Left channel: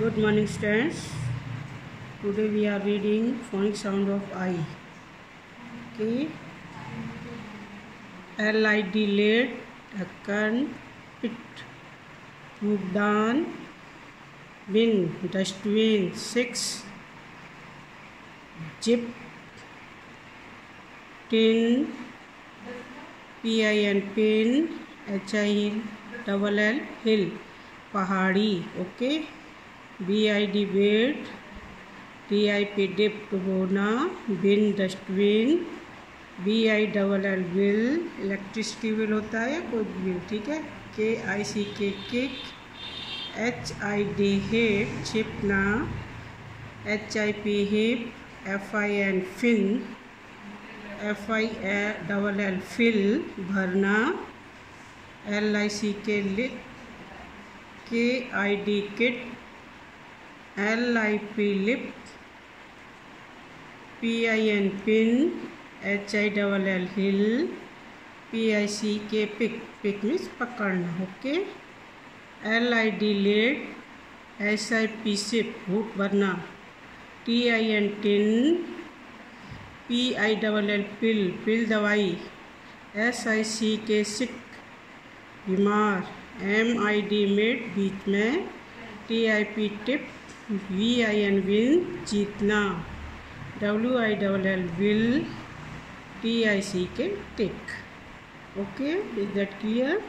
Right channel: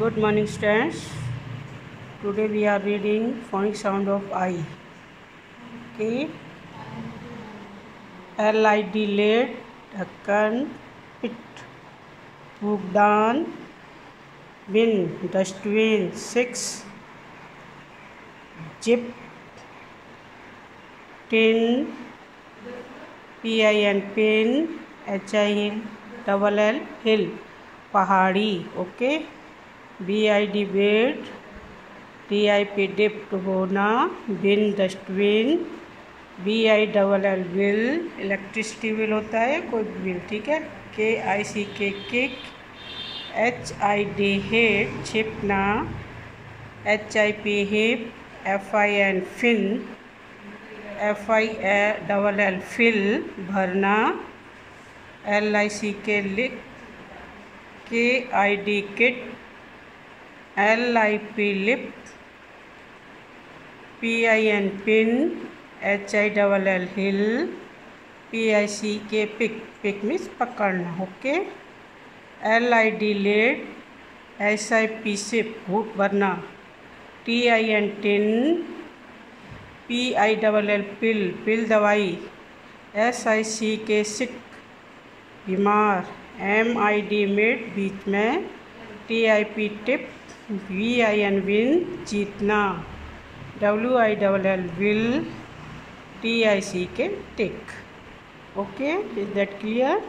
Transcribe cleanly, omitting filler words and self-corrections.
Good morning, students. Today we are reading phonic sound of I. Okay. Lid, lid, ढक्कन, pit, भुगतान, bin, dustbin, 6, zip, tin, pin, pin, hill, hill, पहाड़ी. Okay. BID bed, DIP dip डुबोना, bin dustbin, BILL bill, electricity bill होता है कोई bill. ठीक है. KICK kick, HID hit, छिपना, HIP hip, FIN fin, FILL fill, भरना, LICK lick, KID kit, LIP lip, PIN pin, HILL hill, PICK pick, pick means पकड़ना. Okay. LID lid, SIP sip, घूट भरना, TIN tin, PILL pill, pill दवाई, SICK sick, बीमार, MID mid, बीच में, TIP tip, VIN win, जीतना, WILL will, TICK tick. Okay. Is that clear?